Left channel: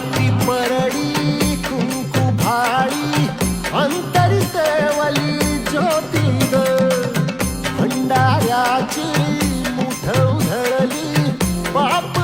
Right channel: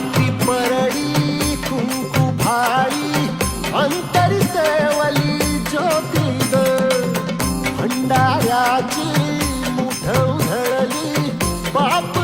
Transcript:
हाती परडी कुंकू भाळी अंतरी तेवली ज्योती भंडाऱ्याची मुठ उधळली पाप